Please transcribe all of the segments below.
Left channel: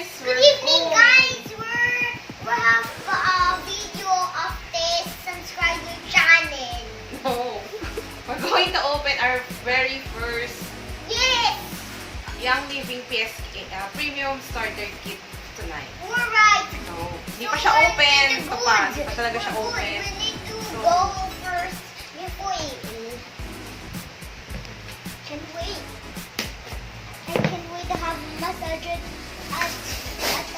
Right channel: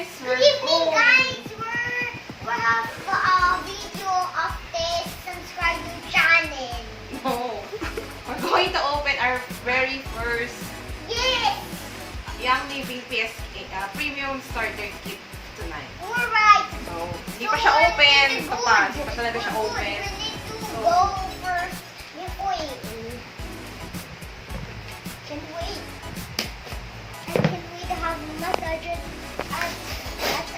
Good We're evening, going. guys. We have a video of this. Subscribe to channel. No. We're going to open our very first Yes. Young Living PSK Premium Starter Kit tonight. We're right. So, hindi pa siya open. Ito pa. Hindi pa talaga siya open. We need to So, go first before it. Can't wait. I can't wait to have massage at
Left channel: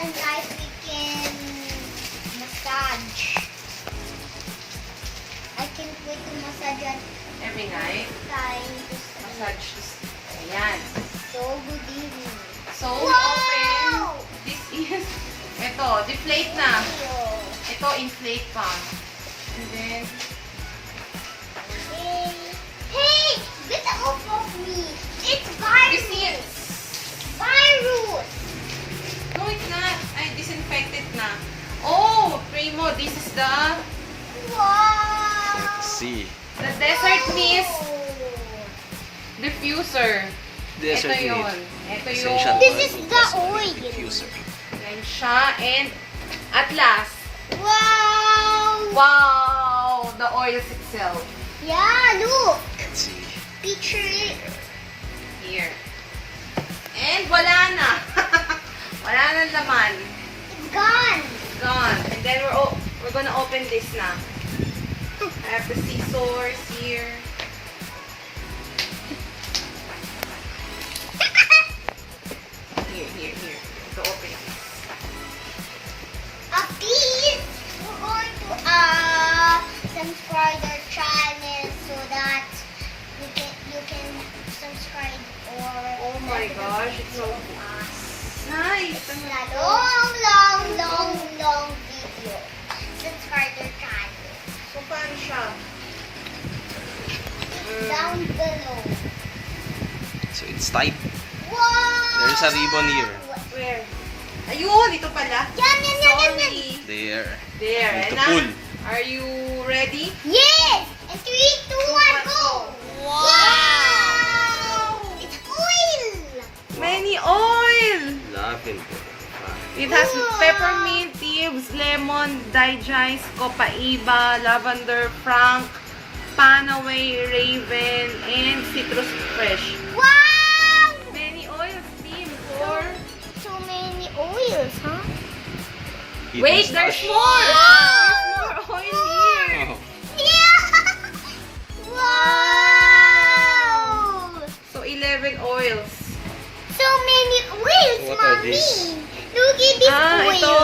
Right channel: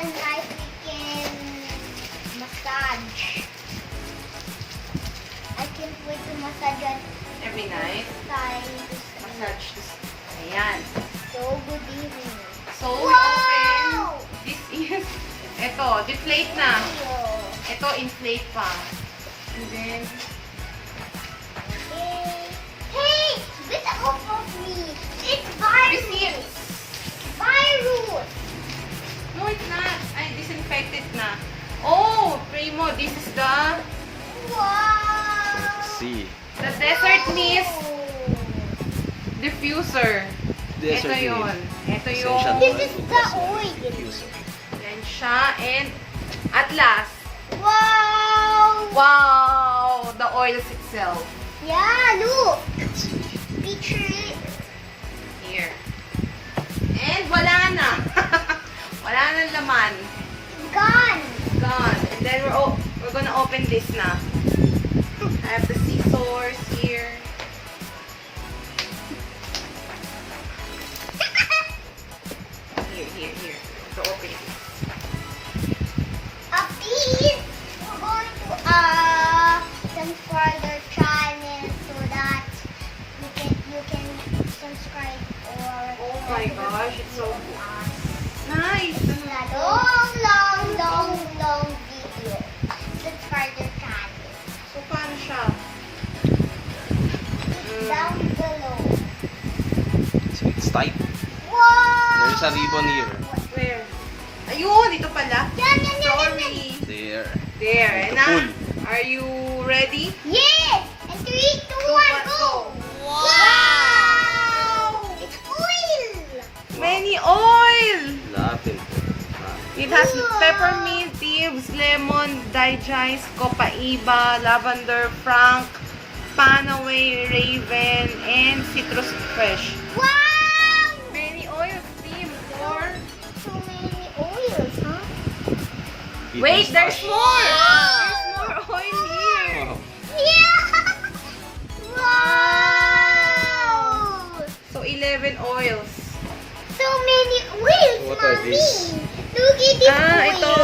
a night we can massage. I can't wait to massage at every night, time. massage this. Ayan. So good evening. So, we Wow! open. This is, ito, deflate na. Ito, inflate pa. And then, Hey, get off of me. It's you see it? virus. No, it's not. I disinfected na. Oh, Primo, this is the Wow. Let's see. desert mist diffuser. Desert Ito yun. Mist. Ito Essential yung, This oil is the ultrasonic oil. diffuser. yan siya. And, at last, Wow. wow, the oils itself. Yeah, look. Let's see. Picture it. Here. And wala na. Wala na laman. It's gone. Gone. And then we're gonna open this na. I have the scissors here. Here. So open it. Please, we're going to subscribe our channel so that you can subscribe or Oh my gosh, it's so nice. It's a long video. Subscribe our channel. So paano siya? It's down below. So it's tight. Wow! There's a ribbon here. Where? Ayun, ito pala. Yan. Sorry. There. There. Need And to now, pull. are you ready? Yes! And 3, 2, 1, go! Wow! It's oil! Many oil! Lavender. It has Wow. peppermint, leaves, lemon, digest, copaiba, lavender, frank, panaway, raven, and citrus fresh. Wow! Many oils, team, for... So many oils, huh? Wait, Hidden there's stash. more! There's more oil here! Oh, Yeah! Wow! So, 11 oils. So many oils, What are Mommy! these? Look at this oil! Ito.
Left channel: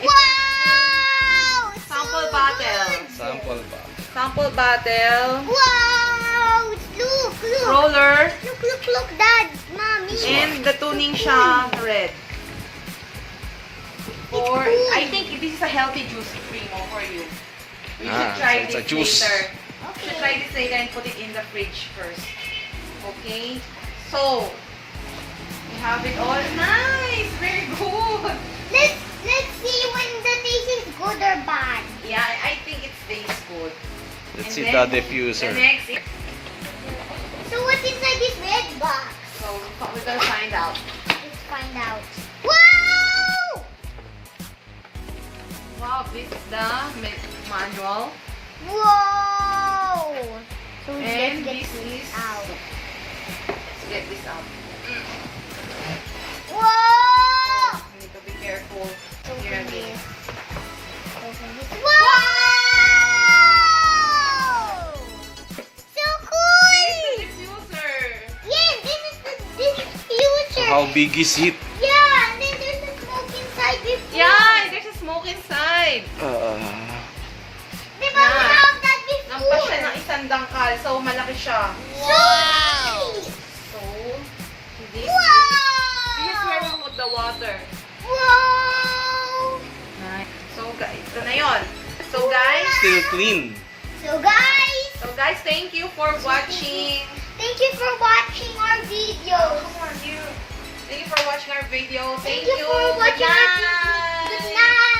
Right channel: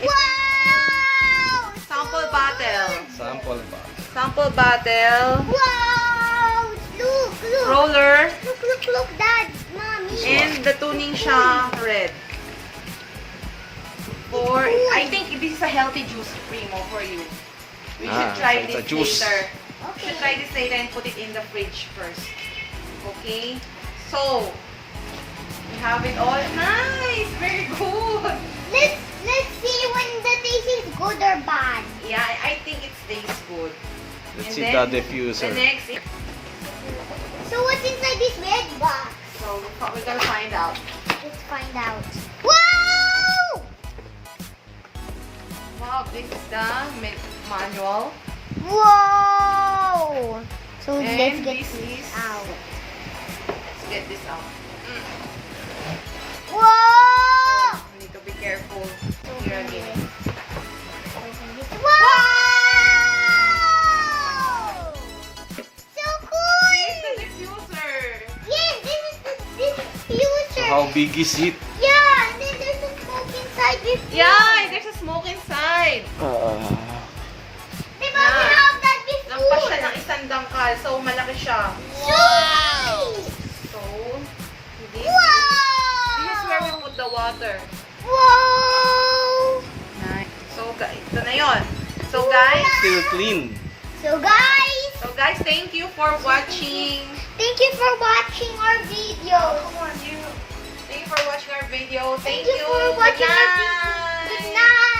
It's Wow! sample So bottle. good. sample bag. Sample bottle. Wow! Look! Roller. Look, Dad! Mommy! And the tuning siya red. For, It's good. I think this is a healthy juice, Primo, for you. We should Ah, try so it's this a juice. later. We Okay. should try this later and put it in the fridge first. Okay? So, we have it all. Nice! Very good! Let's see when the taste is good or bad. Yeah, I think it tastes good. Let's And see then, the diffuser. The next is, So what's inside this red box? so we're gonna find out. Let's find out. Wow! Wow, this is the manual. Wow! So And let's this is, out. let's get this out. Wow! You need to be careful here again. Wow! So cool! Here's the diffuser. Yes, this is the diffuser. So how big is it? Yeah, and then there's a smoke inside this. Yeah, there's a smoke inside. Diba we Yeah. have that before? Lampas siya ng isang dangkal, so malaki siya. Wow! So, this is Wow! where we put the water. Wow! Nice. So, guys, ito na yun. So, guys, Still clean. So guys, thank you for watching. thank you for watching our video. Oh, come on, you. Thank you for watching our video. Thank you for watching our video. Good night.